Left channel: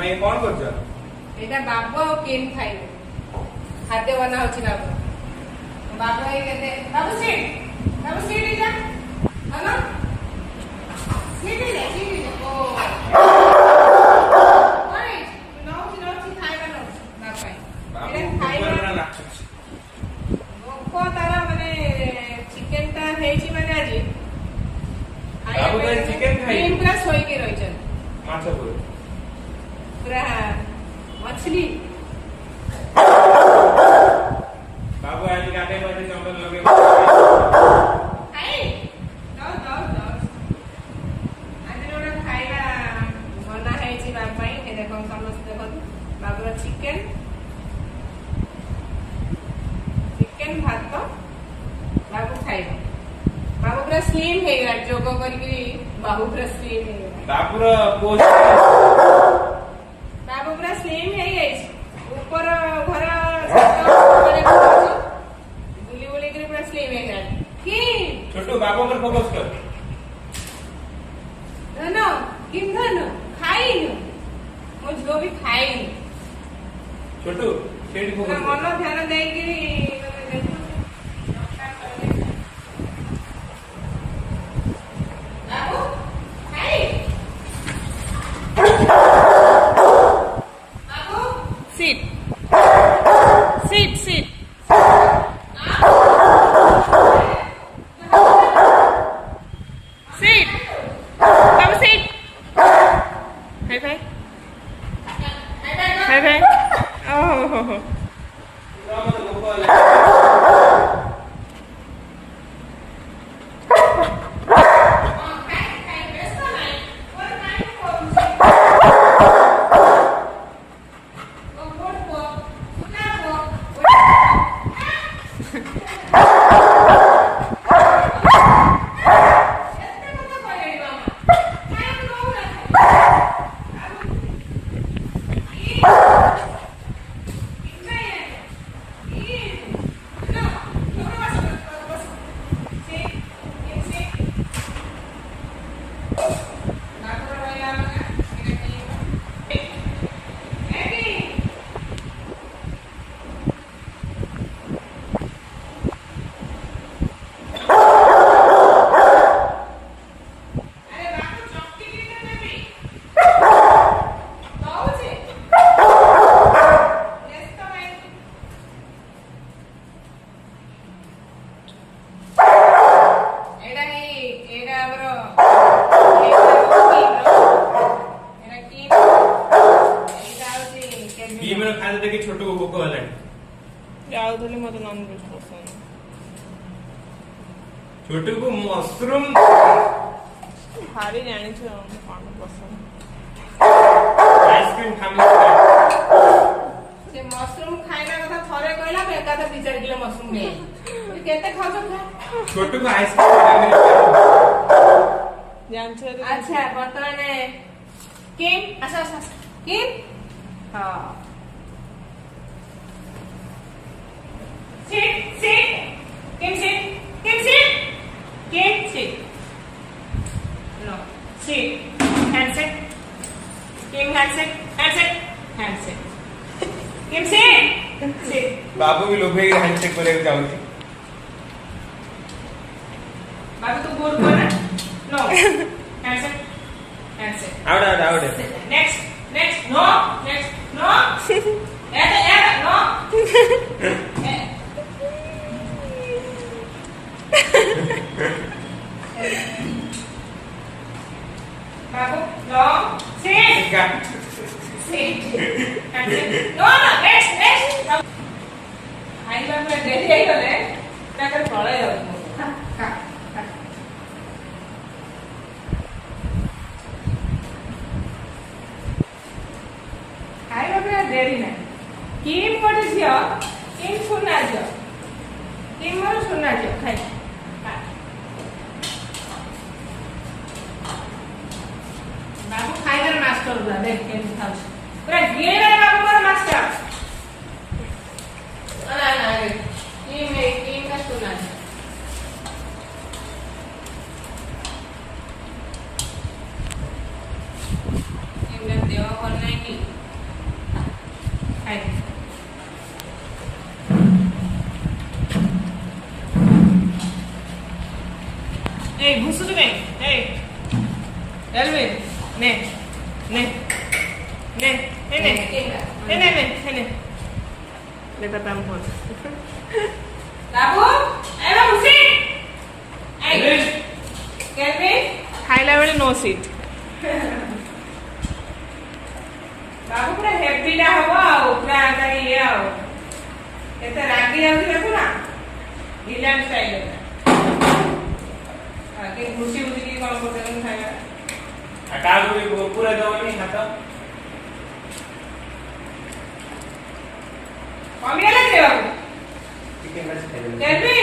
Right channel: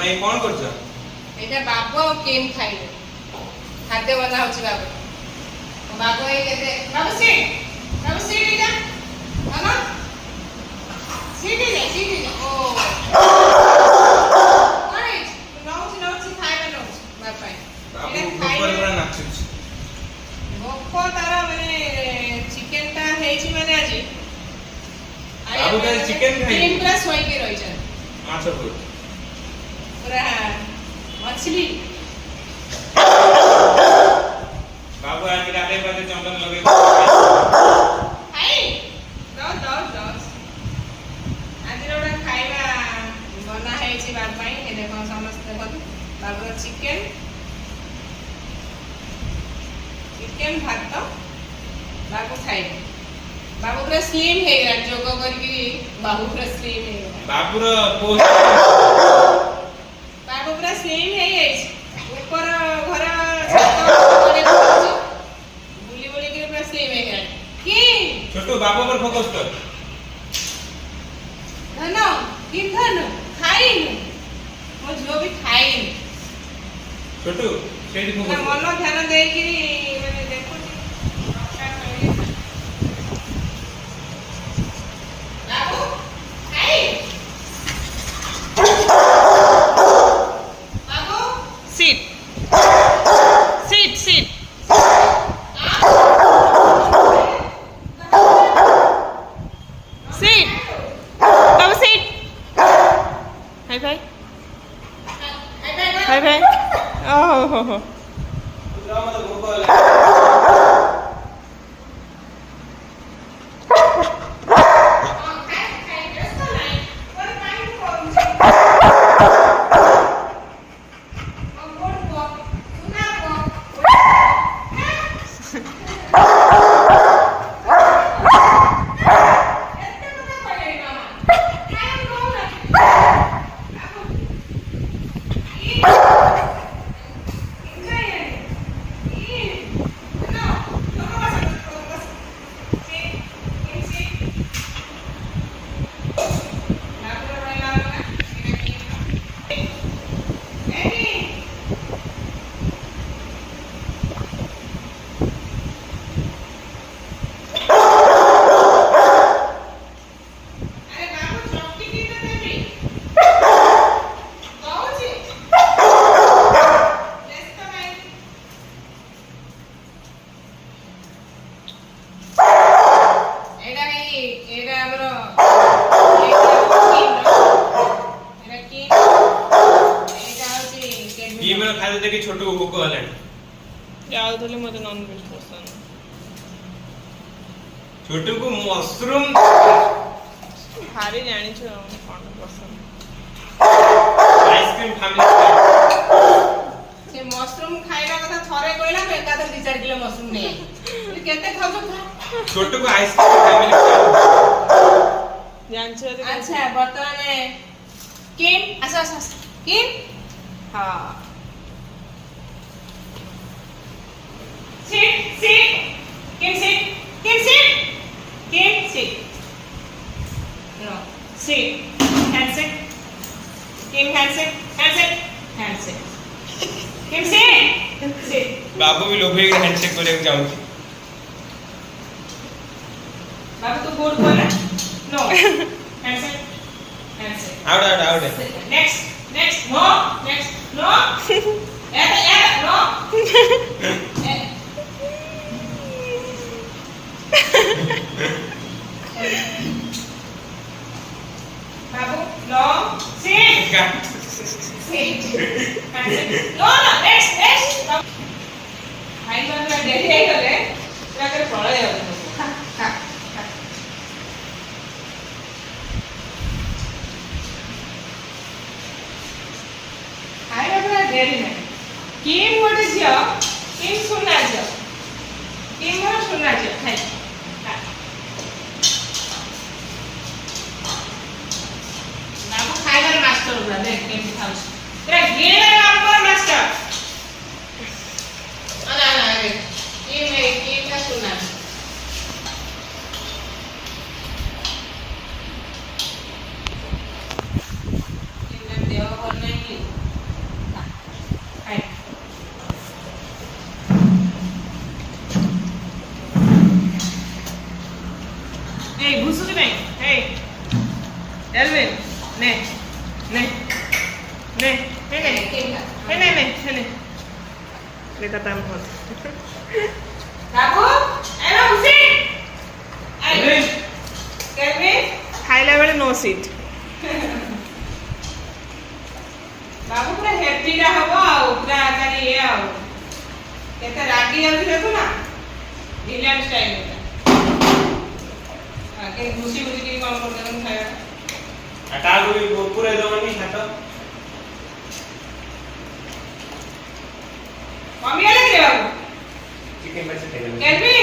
ତମେ କଣ କରୁଛ? ଏଇଟା ବାବୁ ଆଉ କେମ୍ ଖାଇବେ। ଖାଦ୍ୟ ବନା ହଉଛି ବାବୁ। ବାବୁ ଏଇ କେତେ ବାବୁ ସିଟ୍ ଏଇଟା ମାମା ସିଟ୍ ଓ କଣ ହେଇଛି? ନଉଛି ଖାଇବା ନଉଛି ବାବୁ ପାଇଁ। ବାବୁ ଏଇଟା ଉପରେ ଖାଇବା ପୁରା ନାଚୁଛି। ଭୋକ ତାର ମାନେ ଚିକେନ ଟା ହେଇଛି ମାନେ ଆଜି ବାବୁ ତ ଚିକେନ ଖାଇବେ। ପୁରା ଶୋଇକି ରହିଛନ୍ତି ମାଛ ପୁରା ମଛଲି। ବାବୁ ଆଜି ଗାଧେ ପାଧେ ଚନ୍ଦନ ଲଗେଇ ଆଜିର ଗୋଟେ ଖାଇବା ବନା ହେଇଛି ବାବୁ ପାଇଁ। ଏ ଦେଖ ସମସ୍ତେ ଦେଖନ୍ତୁ ବାବୁର ଚିକେନ ଭାତ ବାବୁ ଖାଇବେ। ବାବୁ ପୁରା ସ୍ଲିମ୍ ହେଇଗଲା ଯୋଗ କରିକି। ବାବୁ ପୁରା ସ୍ଲିମ୍ ହେଇଗଲା। ବାବୁର ପୋଷ୍ଟ ବାବୁ ପୁରା ସ୍ଲିମ୍ ହେଇଯାଇଛି। ଉପର ଘର ବୁଲି ବୁଲିକିରି ପୁରା ସ୍ଲିମ୍ ହେଇଗଲାଣି। କି ଛୋଟୁ ବାବୁ ଉପରେ ଫୋକସ କର। ଧନ କି ଧନ ଖାଇନୁ ମୋ ଝିଅ ବି ଖାଇନି। ଛୋଟୁ ସେଇଠି ଫୋକସ କର। ମନ ଧ୍ୟାନ ଦେଇକିରି ମାନେ ଦେଖୁଛି। ବାବୁ ଖାଇ ବାବୁ ସିଟ୍ ସିଟ୍ ସିଟ୍ ସିଟ୍ ବାବୁ ସିଟ୍ ହାଇ ଭାଇ ଓହୋ ମତେ ଭୋକ ହେଲା। ଖାଦ୍ୟ ଦେଖି ଛୋଟକୁ ଭୋକ ହେଲାଣି। ଯାଉଥିଲି ମତେ ନନଭେଜ ପସନ୍ଦ। ଛୋଟକୁ ମସରୁମ ଭାରି ଜାଣିଛୁ କଣ ପସନ୍ଦ। ଆଇସ୍କ୍ରିମ ଫ୍ୟାମିଲି ସେ ମସରୁମ ଖାଇବା କଥା ଥରେ କହିଲା ମୁଁ ଏକାଥରେ 2-4 କିଲୋ ମସରୁମ ନେଇ କେତେ ଖାଉଛ ଖା। ଛୋଟକୁ ଆଇସ୍କ୍ରିମ ଫ୍ୟାମିଲି ଜାଣିଛୁ। ଆଚ୍ଛା ବର୍ତ୍ତମାନ କିମ୍ ଆସ କିମ୍ ହଁ sit Kim sit no sit hand sit Kim hand sit Kim sit बाबू भी लोग हैंडशेक को लेकर जाऊंगी। बाबू तो गुड बोल रहा no hand sit out next no no बाबू long sit no next आई लोग डेली आई गले पूरा कर पळे खाଇବା ପୁରା ଡେରି ନାହିଁ। କିମ୍ ଗୋଟେ ଝିଅ କିମ୍ ସୁନା ଝିଅ କିମ୍ ମୋର ସୁନା ଝିଅ ଖାଇ ବାବୁ ଖାଇବାର ମାଷ୍ଟର ପୁରା ଦେଖ କେମିତି ଖାଉଛି ପୁରା ଗେର ନମ୍ବର ମାଷ୍ଟର। କିମ୍ ସୁନା ଦେହ ଭଲ ନାହିଁ କି নে নে নে কেম খা নে নে নে নে বেটা তাম ফোন বাবু এ বাবু সিট এই কেমনে খাইলা বেলে নো সিট ବାବୁ ପୁରା ହେଭିଟା ହବ ଆଉ ପୁରା ତାର ଇଏ ଆଉ କେତେ ରାଗି ଯାଉଛି ଦେଖୁ ନା ଇଂଲଣ୍ଡ ଷ୍ଟାଇଲ ଆଗେ ଘୁଷି ଘୁଷିକି କ'ଣ କରୁଛନ୍ତି ଖାଇବା আর কাগু পুরে দেবনি হাত କମିଗଲା କି ରେ ବାବୁ চিকেন মাছ খাই দেব କେବି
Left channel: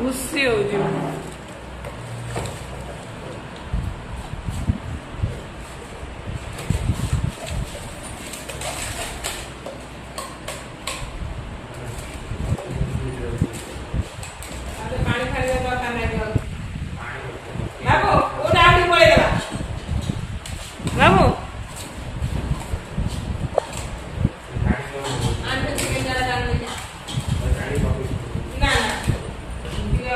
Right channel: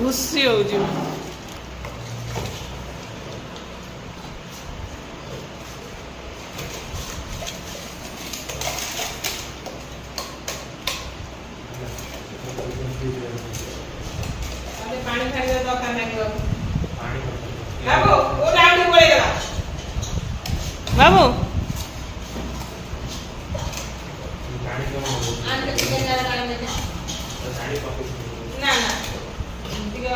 ଘୁଷି ହଉଛି ଆରେ ପାଣି ଖାଇବା ଦରକାର ନାହିଁ ବାବୁ পানি ବାବୁ ଓ ରାଉଣ୍ଡ ପଳେଇଗଲା ବାବୁ পানি তো ଆଣ୍ଟି ଚିକେନ ଜାଡା କାଢି ଦେଲେ পানি পাবো ନା ନା ଟିକେ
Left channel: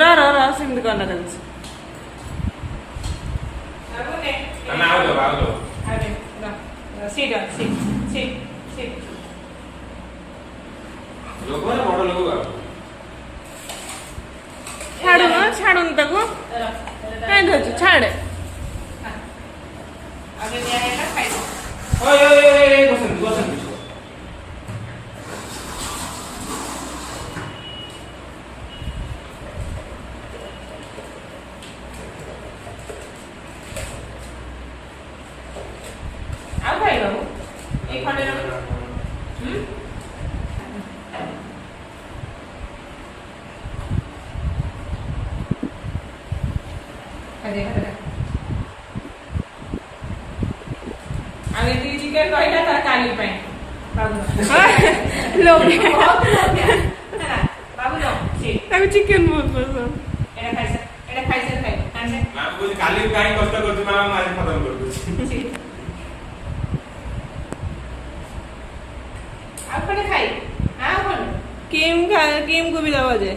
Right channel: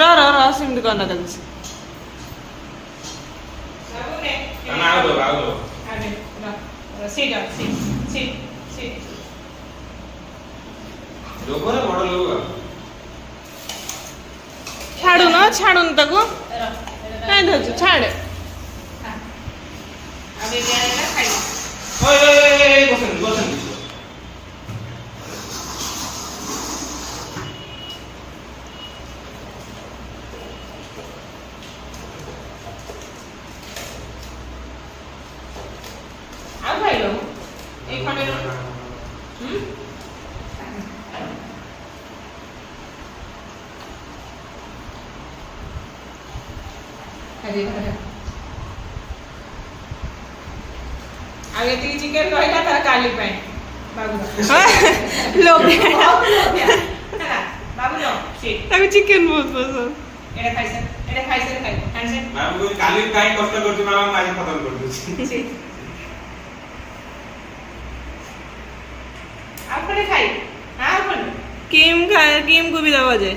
ର ସେମିତି କନା ତାକୁ ବାବୁ ନେ তুমি আও দাও ଆରେ seat seat seat seat logo না বড় লোগো ଛାଡୁନ ତାକୁ କାଇଁ ଧରୁଛୁ ଛାଡେ ଆରେ ଦିଆହେଲା ଖାଇଲେ ওই ওই বসেন বসেন ଆଉ ଖାଇଲ ଏଇ ଖଣ୍ଡେ ହୁଁ ଆରେ ଆଉ ଏତିକି ଚିକେନ ରହିଲା ତାର କାଲି ପାଇଁ ବାବୁ ବାବୁ ନ ସିଟ୍ ତାକୁ ଚିକେନ ବହୁତ ପସନ୍ଦ ଏଟା ଖାଇସାର ଖାଇବ ଖାଇସାର না ওই কালি কাই কষ্ট করছি মামা মাঝে খতম করে দিচ্ছি ସିଟ୍ ଆଉ ଖଣ୍ଡେ ଖାଇ ଆଉ ଖଣ୍ଡେ କିମ୍ କୁ ବି ଦବ ଯେ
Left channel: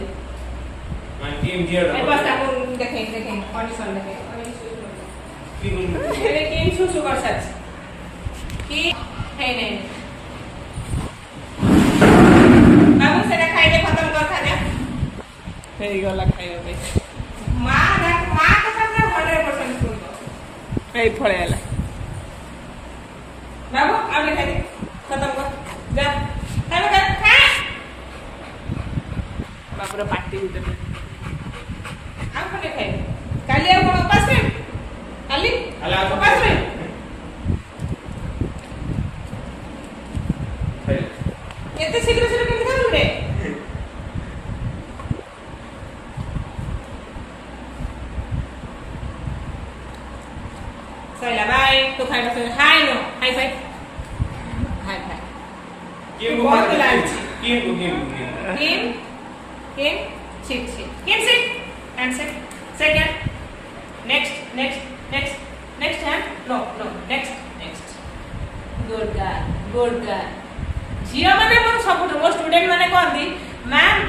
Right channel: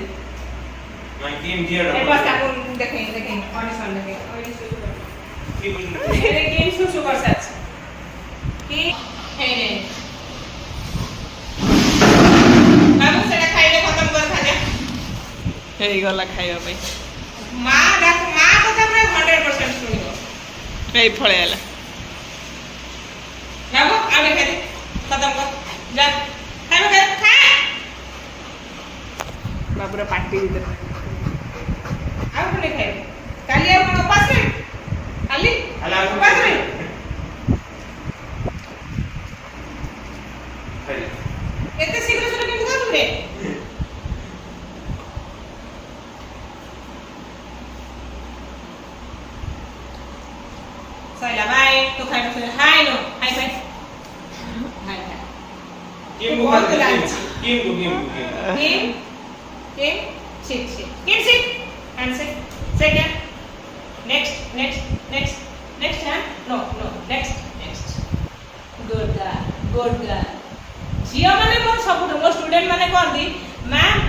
মানে কি দিয়ে ଏ ବସ ତାକୁ ଦେଖେଇ କଣ୍ଡିସନ ଦେଖେଇ কি ଏବେ କେମ୍ ସୁସୁ କରିସାରିଛି କି ହେଇନି ବାବୁ ସେଟା ଖାଇଲେ ଖତମ କର ଖାଦ୍ୟ ହେଇଗଲା ଖାଇବା ପାଇଁ ମା କଥା ପୁରା 100% ଶୁଣିବ ଏଇ ଫଳେ ହେଲା ବାବୁ ଆଉ ଦେଖେ ଖତମ କର ଯା ଖାଇବା ଖା ବାବୁର ପାଟି ଭିତରେ ଆଉ ଖଣ୍ଡେ ଖାଇବେ କାଲି ଆଉ ଉପାସ ରହି କାଲି କାଲି ଆଉ ଉପାସ ରହି ଏତେ ଶୀଘ୍ର ଶୀଘ୍ର କେମିତି କରୁ ରେ ସଇଲା ବାଇ ତୁ ଖାଇବା ହାଇ নো ହାଇ ହାଇ ହାଇ ହାଇ কি মুখ আছে কি মুখ Kim, sit. Kim, sit. And sit. Second. Next hand. No. Next. Good girl. ଝିଅ ମାନେ ମୋର ସବୁଠୁ ମୋ ଷ୍ଟୁଡେଣ୍ଟ ମାନେ କହନ୍ତି ମ୍ୟାମ୍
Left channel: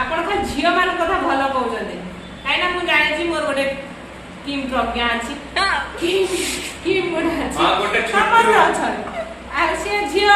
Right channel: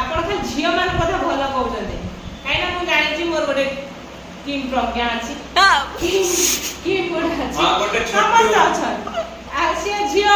ଆପଣ ଖାଲି ଝିଅ ମାନଙ୍କ କଥା ଭଲ କହୁଛନ୍ତି କାହିଁକିନା ମୁଁ ଜାଣିଛି ମୋର ଗୋଟେ କିମ୍ ପ୍ରଜ୍ଞା ଅଛି କିମ୍ ଗୋଟେ ଅଛି ଗୋଟେ ଛୋଟ ସମସ୍ତେ ଅଛନ୍ତି ଆଉ ସେ ଝିଅ